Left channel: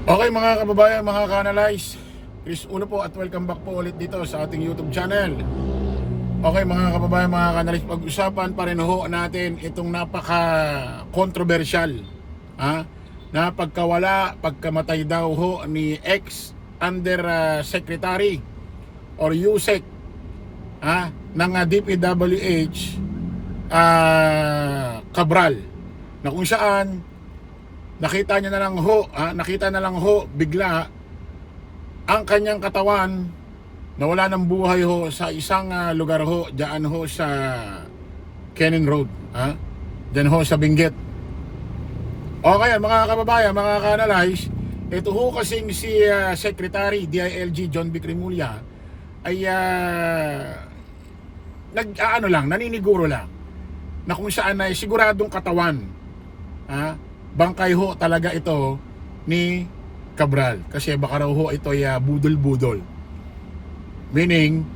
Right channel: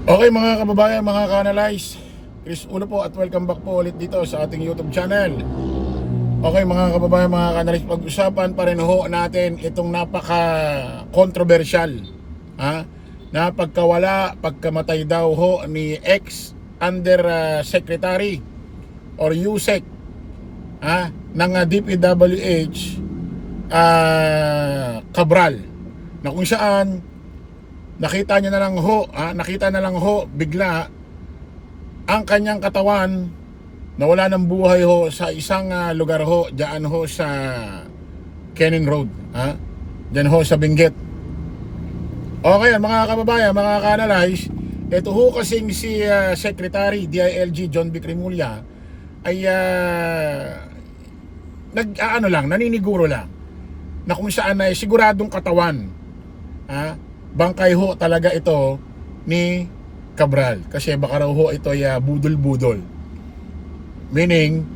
Okay mga kababayan, mga ka-analyze, Chris Uno po at welcome back po ulit dito sa ating YouTube channel. Okay mga kababayan, mga ka-analyze, pag-usapan pa rin ho natin itong napaka-controversial na pagkamatay daw ho ni ex-under secretary or USEC ng DPWH Cabral, na kung saan nakita na lang ho bigla ang kanyang katawan na wala ng buhay ho sa isang lugar ho diyan ho sa Canning Road, diyan ho sa Benguet. Okay mga kababayan, mga ka-analyze, ito ho kasi si Secretary DILG John B. Cremulya ay naniniguro lang na kung saan ay siguradong katawan, bangkay ho talaga ito ni Cabral, kasi baka raw ho ito ay budol-budol, meaning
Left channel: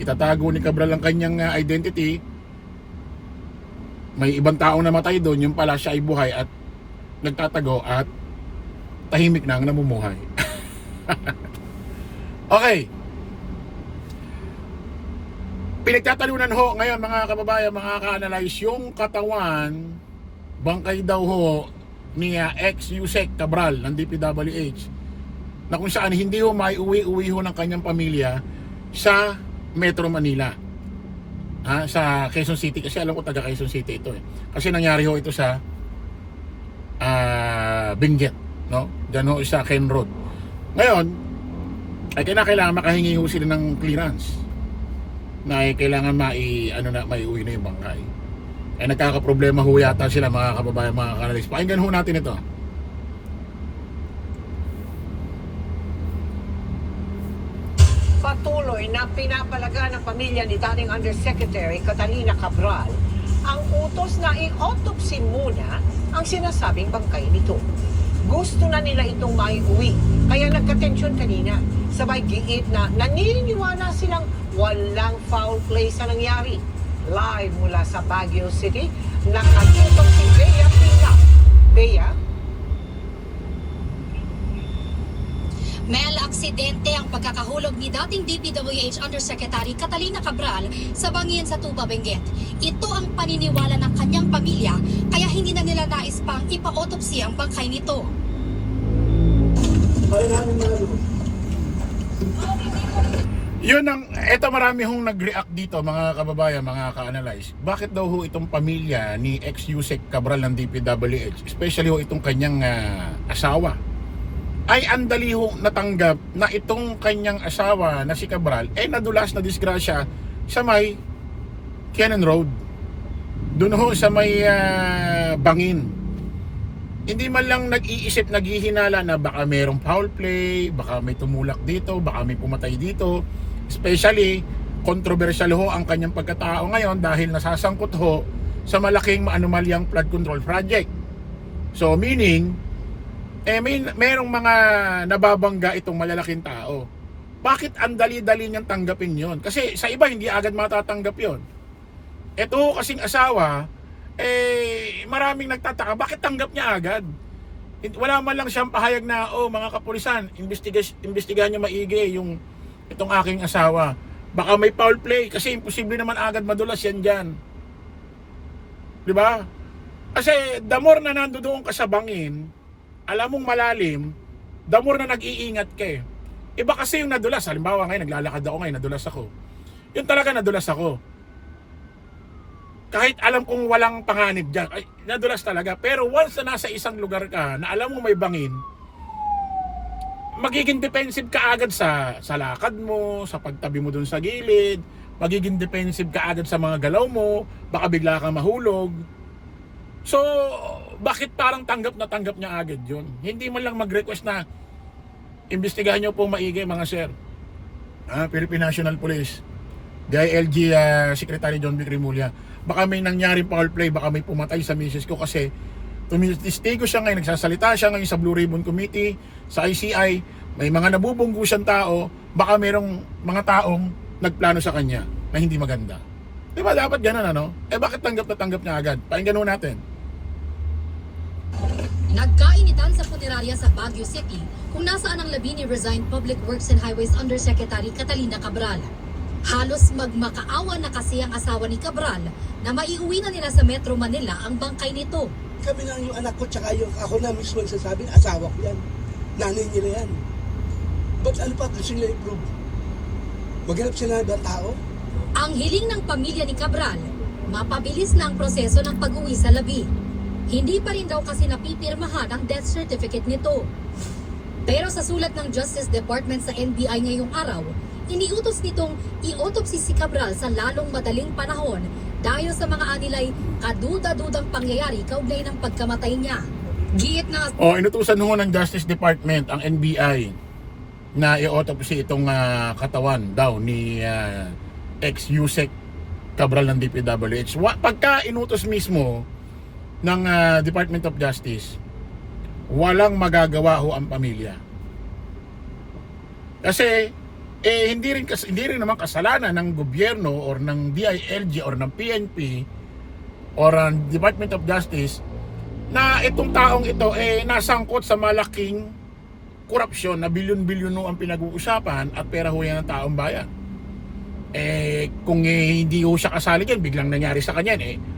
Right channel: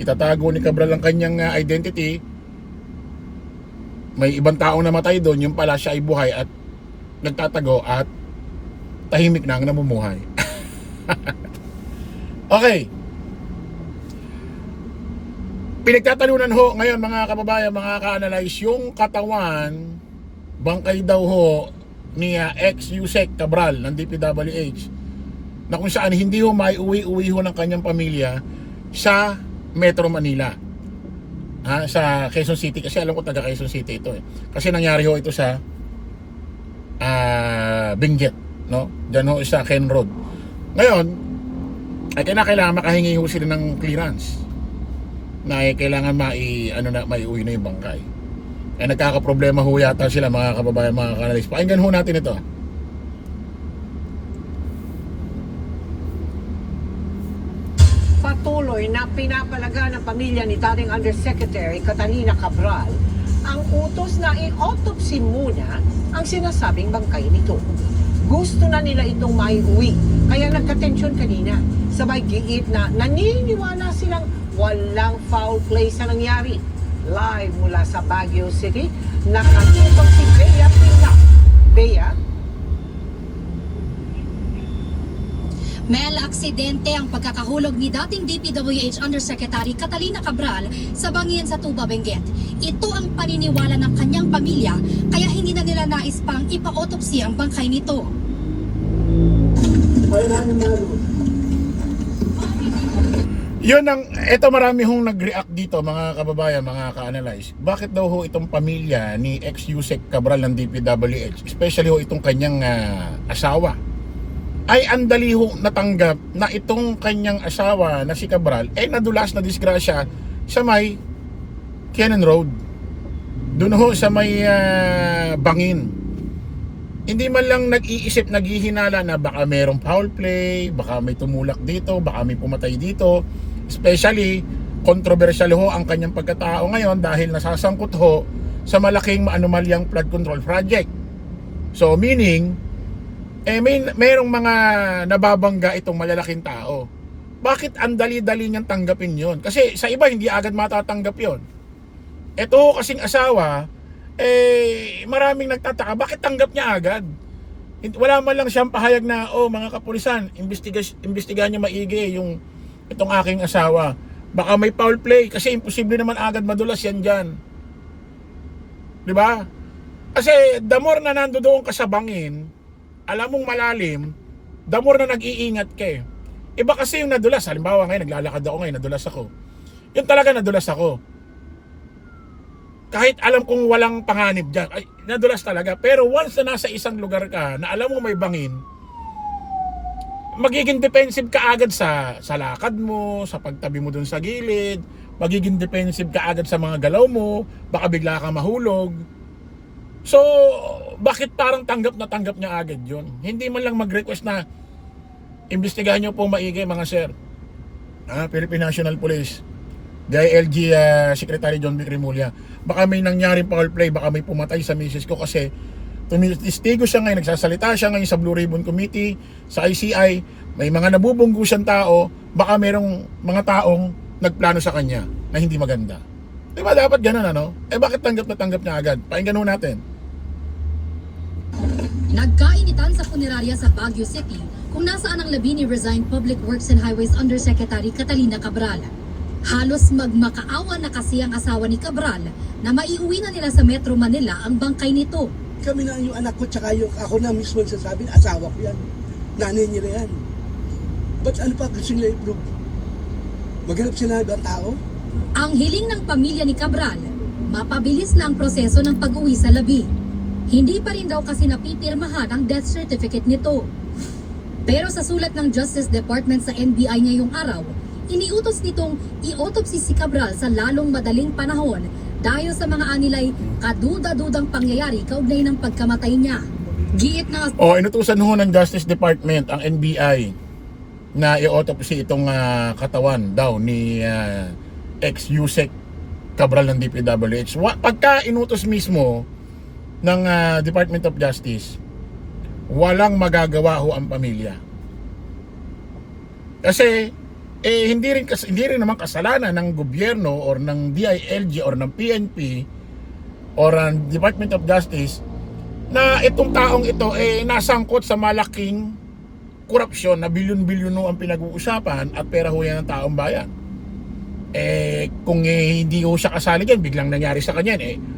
itatago ni Cabral ang kanyang identity, may ibang taong namatay doon, yung pala siya ay buhay at nagtatago at tahimik na ang namumuhay. Okay, pinagtatalunan ho ngayon mga kababayan, mga ka-analyze, yung katawan bangkay daw ho ni ex-USEC Cabral ng DPWH, na kung saan hindi ho maiuwi-uwi ho ng kanyang pamilya sa Metro Manila, sa Quezon City, kasi alam ko taga Quezon City ito kasi nangyari ho ito sa Benguet, no? Diyan ho sa Ken Road. Ngayon ay kailangan makahingi ho sila ng clearance na kailangan maiuwi na yung bangkay. Nagkakaproblema ho yata sila mga kababayan, mga ka-analyze. Pakinggan ho natin ito. Patuloy na pinapalaga ng pamilya ni dating Undersecretary Catalina Cabral ang utos na i-autopsy muna ang sinasabing bangkay nito. Gusto na nila itong maiuwi, kaya nagka-tension kanina. Sabay giit na naniniwala silang walang foul play sa nangyari. Live mula sa Baguio City, nakatipon si Bea Pisa. Bea? Mel, aksidente ang pagkakahulog ni dating DPWH Undersecretary Catalina Cabral sa bangin sa Tuba, Benguet. Ito ang paniniwala ng kanyang pamilya, kaya hindi na nila nais pang ipa-autopsy ang bangkay nito. Ito marami hong nag-react dito mga kababayan, mga ka-analyze. Bakit daw ho itong pamilya ni ex-USEC Cabral ng DPWH, especially ho itong kanyang asawa, ay andali ho natanggap na itong kanyang asawa na si Cabral nadulas na disgrasya sa may Cannon Road, doon ho sa may bangin. Hindi man lang nag-iisip, naghihinala na baka merong foul play, baka may tumulak dito, baka may pumatay dito. Especially, controversial ho ang kanyang pagkatao ngayon dahil nasasangkot ho sa malaking anomalyang flood control project. So meaning, merong mga nababangga itong malalaking tao. Bakit ang dali-dali niyang tanggapin yon? Kasi sa iba hindi agad matatanggap yon. Ito ho kasing asawa, maraming nagtataka, bakit tanggap niya agad? Wala man lang siyang pahayag na, mga kapulisan, imbestigahan niyo maigi yung itong aking asawa, baka may foul play, kasi imposible naman agad madulas yan dyan, di ba? Kasi the more na nandoon ka sa bangin, alam mong malalim, the more na nag-iingat ka. Iba kasi yung nadulas, halimbawa ngayon naglalakad ako ngayon, nadulas ako, yun talaga nadulas ako, kahit alam kong walang panganib dyan, ay nadulas talaga. Pero once na nasa isang lugar ka na alam mo may bangin, magiging defensive ka agad sa lakad mo, sa pagtabi mo dun sa gilid, magiging defensive ka agad sa mga galaw mo, baka bigla ka mahulog. So, bakit parang tanggap na tanggap niya agad yun? Hindi man lang mag-request na imbestigahan nyo po maigi mga sir, Philippine National Police, DILG Secretary John B. Cremulya, baka may nangyaring foul play, baka may pumatay sa misis ko, kasi tumistigo siya ngayon, nagsasalita siya ngayon sa Blue Ribbon Committee, sa ICI, may mga nabubunggo siyang tao, baka merong mga taong nagplano sa kanya na hindi maganda. Diba dapat ganun bakit tanggap na tanggap niya agad? Pakinggan natin. Nagkainitan sa punerarya sa Baguio City kung nasaan ang labi ni resigned Public Works and Highways Undersecretary Catalina Cabral. Halos magmakaawa na kasi ang asawa ni Cabral na maiuwi na nila sa Metro Manila ang bangkay nito. Kami na yung anak ko, tsaka yung ako na mismo nagsasabing, asawa ko yan. Nanay niya na yan. Ba't ano pa gusto nila i-prove? Maghanap sila ng tao? Ang hiling ng pamilya ni Cabral, mapabilis na ang proseso ng pag-uwi sa labi. Hindi pa rin daw kasi napipirmahan ang death certificate nito. Pero sa sulat ng Justice Department sa NBI ngayong araw, iniutos nitong i-autopsy si Cabral sa lalong madaling panahon dahil sa mga anilay kaduda-dudang pangyayari kaugnay ng pagkamatay niya. Giit na Inutusan ho ng Justice Department ang NBI na i-autopsy itong katawan daw ni ex-Yusek Cabral ng DPWH. Pagka inutos mismo ng Department of Justice, walang magagawa ho ang pamilya. Kasi hindi rin naman kasalanan ng gobyerno or ng DILG or ng PNP or ng Department of Justice na itong taong ito nasangkot sa malaking korupsyon na bilyon-bilyon ang pinag-uusapan at pera ho yan ng taong bayan. Kung hindi ho siya kasali dyan, biglang nangyari sa kanya,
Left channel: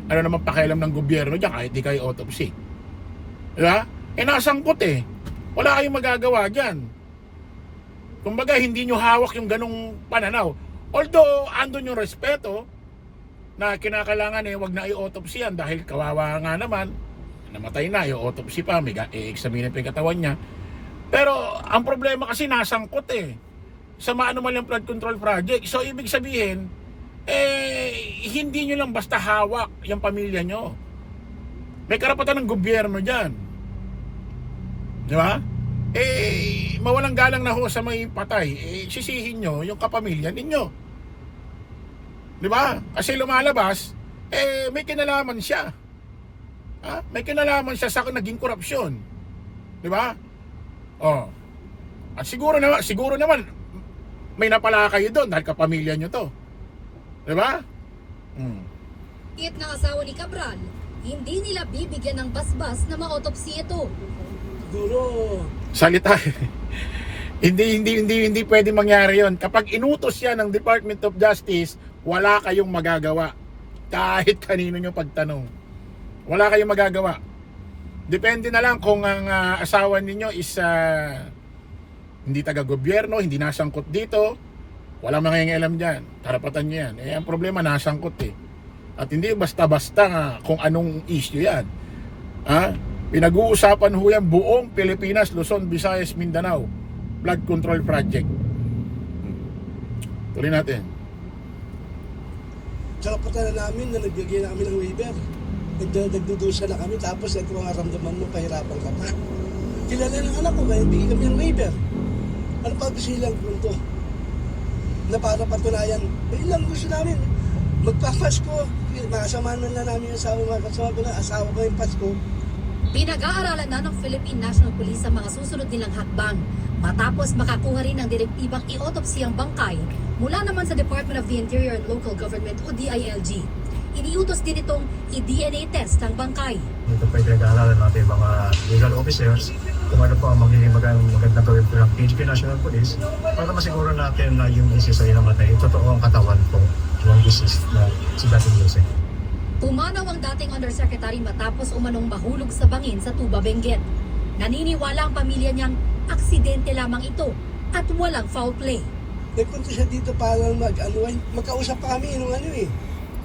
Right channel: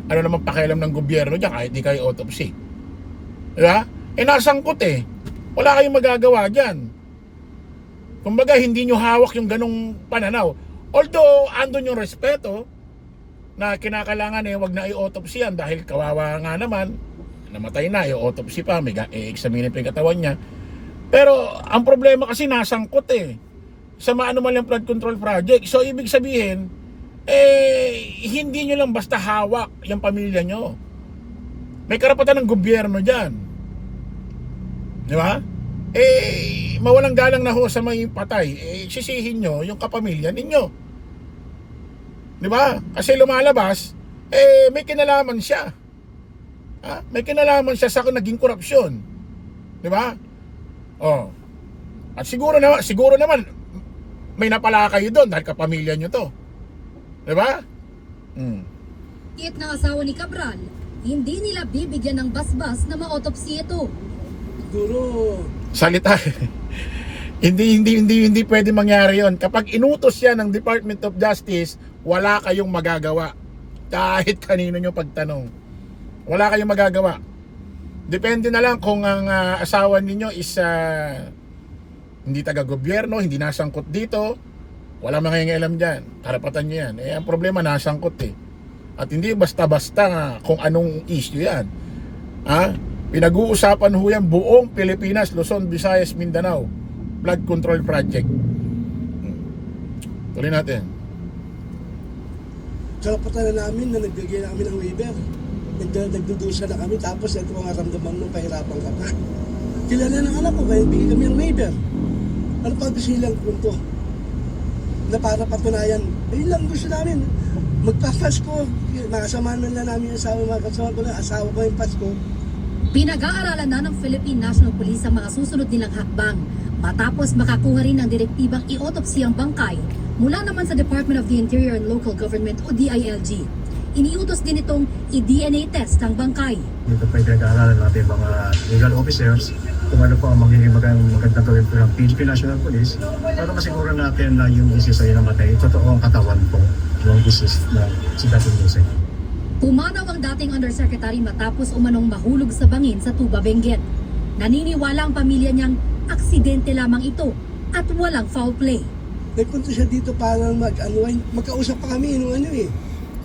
ano naman pakialam ng gobyerno dyan kahit di kayo autopsy? Diba? Nasangkot wala kayong magagawa dyan. Kumbaga, hindi nyo hawak yung ganong pananaw. Although, andun yung respeto na kinakailangan wag na i-autopsy yan dahil kawawa nga naman, namatay na, i-autopsy pa, may i-examine pa yung katawan niya. Pero, ang problema kasi nasangkot sa maano man yung flood control project. So, ibig sabihin, hindi nyo lang basta hawak yung pamilya nyo. May karapatan ng gobyerno dyan. Di ba? Mawalang galang na ho sa may patay. Sisihin nyo yung kapamilya ninyo. Di ba? Kasi lumalabas, may kinalaman siya. May kinalaman siya sa naging korupsyon. Di ba? At siguro naman may napala kayo doon dahil kapamilya nyo to. Di ba? Giit ng asawa ni Cabral, hindi nila bibigyan ng basbas na ma-autopsy ito. Siguro, Salita. hindi pwede mangyari 'yon. Kapag inutos 'yan ng Department of Justice, wala kayong magagawa. Kahit kanino nyo pagtanong. Wala kayong magagawa. Depende na lang kung ang asawa ninyo is hindi taga-gobyerno, hindi nasangkot dito, walang mangingialam dyan. Karapatan nyo yan. Ang problema, nasangkot At hindi basta-basta kung anong issue yan. Pinag-uusapan ho yan buong Pilipinas, Luzon, Visayas, Mindanao. Flood Control Project. Tuloy natin. karapatan na namin na nagbigay na kami ng waiver. Nagdudusa na kami tapos ito ang karamdaman ng pahirapan ka pa. Kilala ng anak ko kaya bigay kami ng waiver. Ano pa gusto nilang punto? Na para patunayan, lang gusto namin. Magpa-Pasko, makasama na namin yung asawa, makasama ko na asawa ko yung Pasko. Pinag-aaralan na ng Philippine National Police ang mga susunod nilang hakbang matapos makakuha rin ng direktibang i-autopsy ang bangkay mula naman sa Department of the Interior and Local Government o DILG. Iniutos din itong i-DNA test ang bangkay. Ito po pinag-aaralan natin mga legal officers kung ano po ang magandang gawin po ng PNP National Police para masiguro natin na yung isis ay namatay, totoo ang katawan po yung isis na si Dating Yusek. Pumanaw ang dating Undersecretary matapos umanong mahulog sa bangin sa Tuba, Benguet. Naniniwala ang pamilya niyang aksidente lamang ito at walang foul play. Nagpunta siya dito para magkausap pa kami nung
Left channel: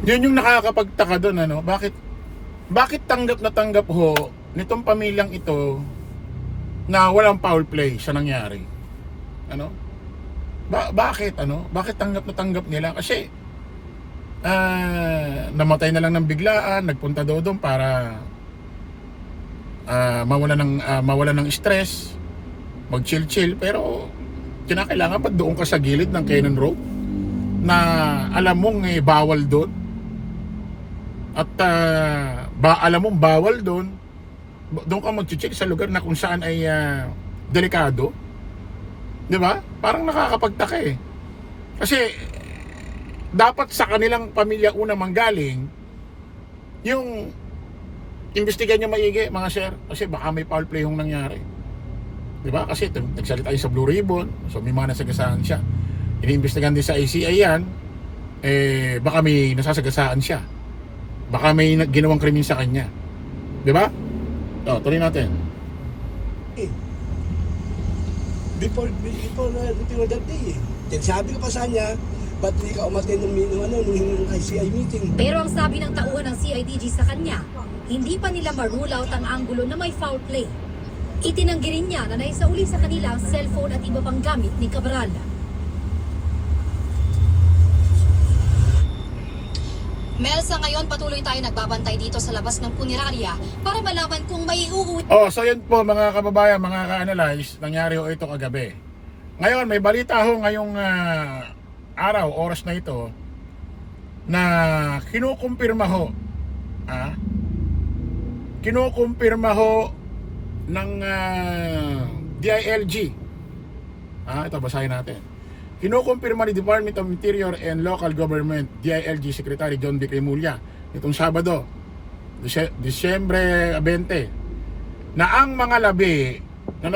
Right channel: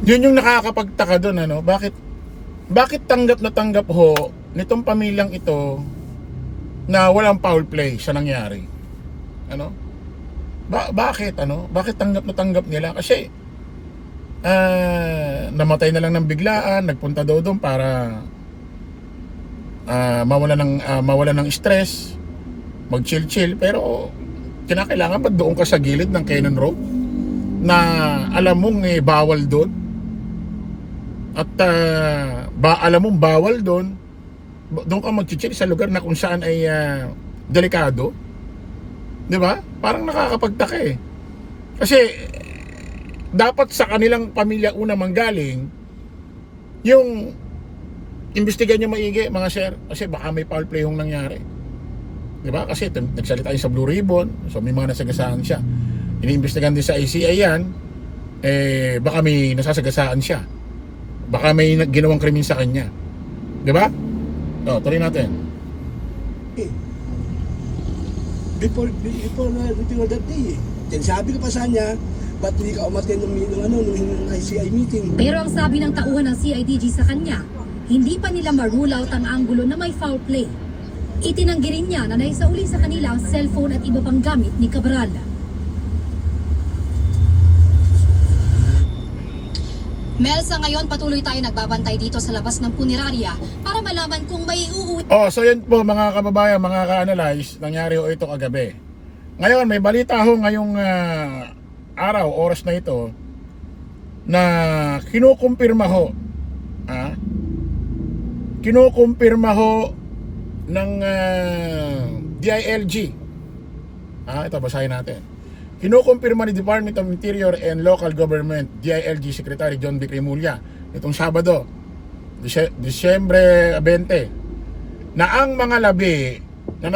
Yun yung nakakapagtaka doon, ano? Bakit tanggap na tanggap ho nitong pamilyang ito na walang foul play sa nangyari? Ano? Bakit tanggap na tanggap nila? Kasi namatay na lang ng biglaan, nagpunta daw doon para mawala ng stress, mag-chill, pero kinakailangan pa doon ka sa gilid ng Cannon Road na alam mong bawal doon at alam mong bawal doon ka mag-chill sa lugar na kung saan ay delikado, di ba? Parang nakakapagtaka kasi dapat sa kanilang pamilya una manggaling yung imbestigan nyo maigi, mga sir, kasi baka may foul play yung nangyari. Di ba? Kasi nagsalita yun sa Blue Ribbon, so may mga nasagasaan siya. Iniimbestigahan din sa ICI yan, baka may nasasagasaan siya. Baka may ginawang krimen sa kanya. Di ba? Tuloy natin. Before that day eh. Then sabi ko pa sa kanya, ba't hindi ka umaten nung ICI meeting? Pero ang sabi ng tauhan ng CIDG sa kanya, hindi pa nila ma-rule out ang anggulo na may foul play. Itinanggi rin niya na naisauli sa kanila ang cellphone at iba pang gamit ni Cabral. Mel, sa ngayon patuloy tayo nagbabantay dito sa labas ng punerarya para malaman kung may uuwi. So yan po mga kababayan, mga ka-analyze, nangyari ho ito kagabi. Ngayon, may balita ho ngayong araw, oras na ito, na kinukumpirma ho, ng DILG. Ito, basahin natin. Kinukumpirma ni Department of Interior and Local Government, DILG Secretary John B. Cremulya, itong Sabado, Disyembre 20, na ang mga labi na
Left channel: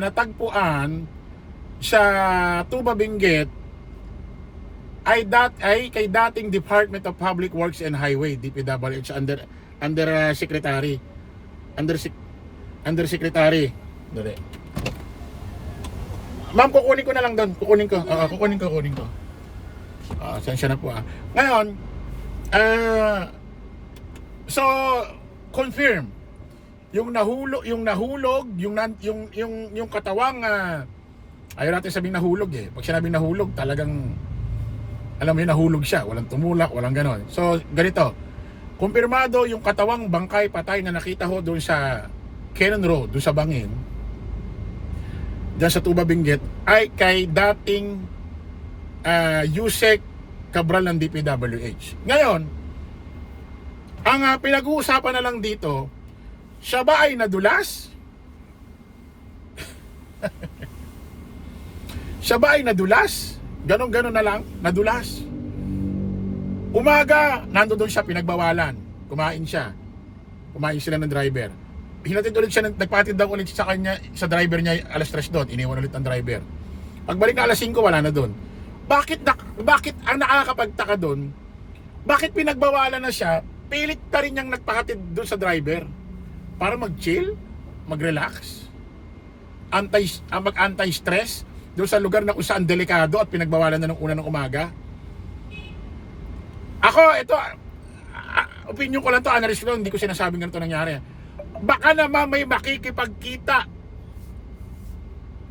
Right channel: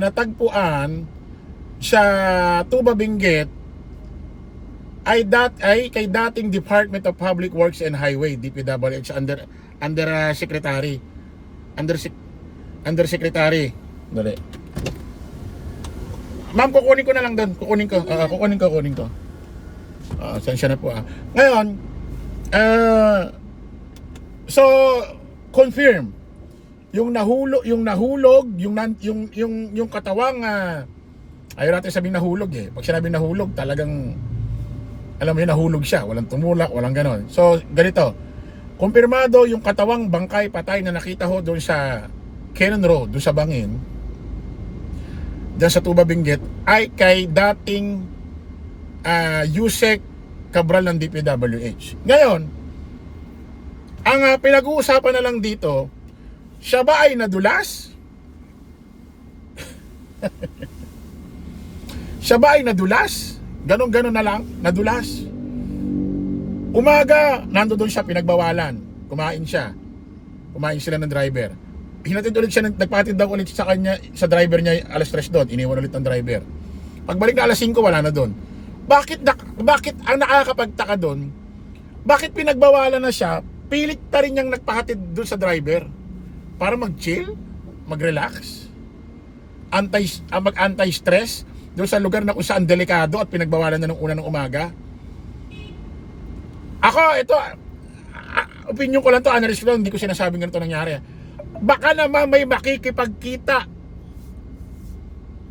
natagpuan sa Tuba Benguet ay kay dating Department of Public Works and Highway, DPWH, under Secretary. Dali. Ma'am, kukunin ko na lang doon. Kukunin ko. Sensya na po. Ngayon, so confirm yung nahulog, yung katawang ayaw natin sabing nahulog eh. Pag sinabing nahulog, talagang alam mo yun, nahulog siya. Walang tumulak, walang ganon. So, ganito. Kumpirmado yung katawang bangkay patay na nakita ho doon sa Cannon Road, doon sa Bangin, diyan sa Tuba Benguet, ay kay dating Yusek Cabral ng DPWH. Ngayon, ang pinag-uusapan na lang dito, siya ba ay nadulas? Siya ba ay nadulas? Ganon na lang, nadulas. Umaga, nandoon siya, pinagbawalan. Kumain sila ng driver. Hinatid ulit siya, nagpatid daw ulit sa kanya, sa driver niya, alas 3 doon, iniwan ulit ng driver. Pagbalik na alas 5, wala na doon. Bakit ang nakakapagtaka doon, bakit pinagbawalan na siya, pilit pa rin niyang nagpahatid doon sa driver para mag-chill, mag-relax, mag-anti-stress doon sa lugar na kung saan delikado at pinagbawalan na ng una ng umaga. Ako, ito, opinion ko lang to, analyst ko lang, hindi ko sinasabing ganito nangyari. Baka naman may makikipagkita,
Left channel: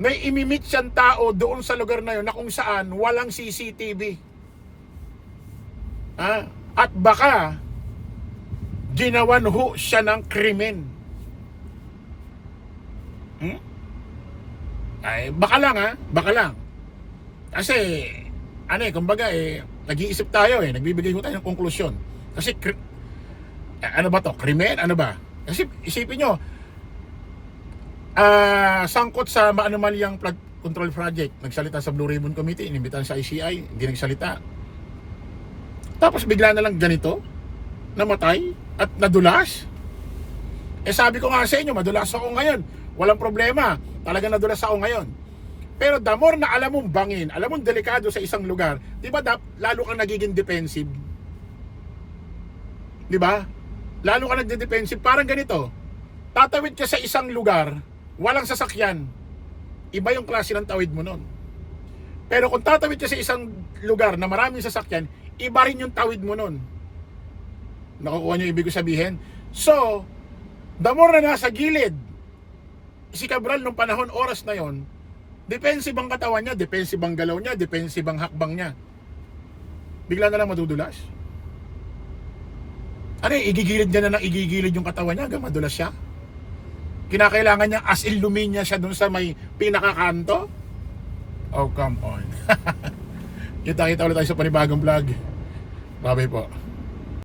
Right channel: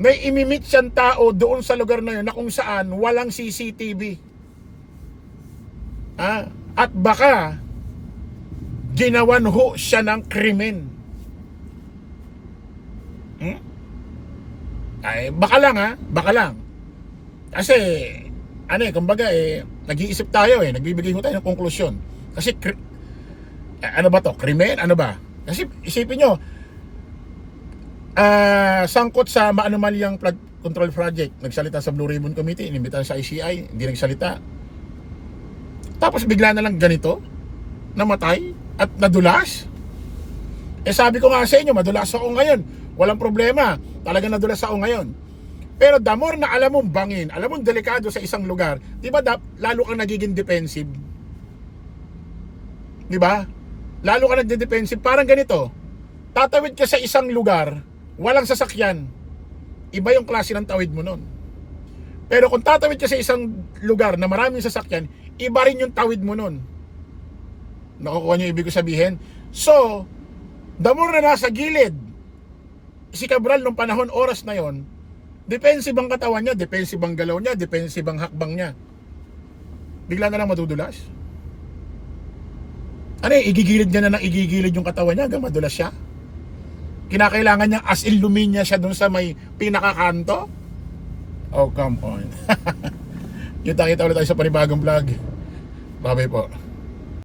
may imimit siyang tao doon sa lugar na yun na kung saan walang CCTV. At baka ginawan ho siya ng krimen. Ay, baka lang. Kasi kumbaga nag-iisip tayo nagbibigay ho tayo ng konklusyon. Kasi ano ba to? Krimen? Ano ba? Kasi isipin nyo, sangkot sa maanumalyang flood control project, nagsalita sa Blue Ribbon Committee, inimbitan sa ICI, hindi nagsalita. Tapos bigla na lang ganito, namatay at nadulas. Sabi ko nga sa inyo, madulas ako ngayon. Walang problema, talaga nadulas ako ngayon. Pero the more na alam mong bangin, alam mong delikado sa isang lugar, di ba lalo kang nagiging defensive? Di ba? Lalo ka nagde-defensive. Parang ganito, tatawid ka sa isang lugar, walang sasakyan, iba yung klase ng tawid mo nun. Pero kung tatawid ka sa isang lugar na maraming sasakyan, iba rin yung tawid mo nun. Nakukuha niyo ibig ko sabihin? So, the more na nasa gilid si Cabral nung panahon, oras na yon, defensive ang katawan niya, defensive ang galaw niya, defensive ang hakbang niya. Bigla na lang madudulas. Igigilid niya na ng igigilid yung katawan niya hanggang madulas siya. Kinakailangan niya as in luminya siya dun sa may pinakakanto. Oh, come on. Kita ulit tayo sa panibagong vlog. Bye-bye po.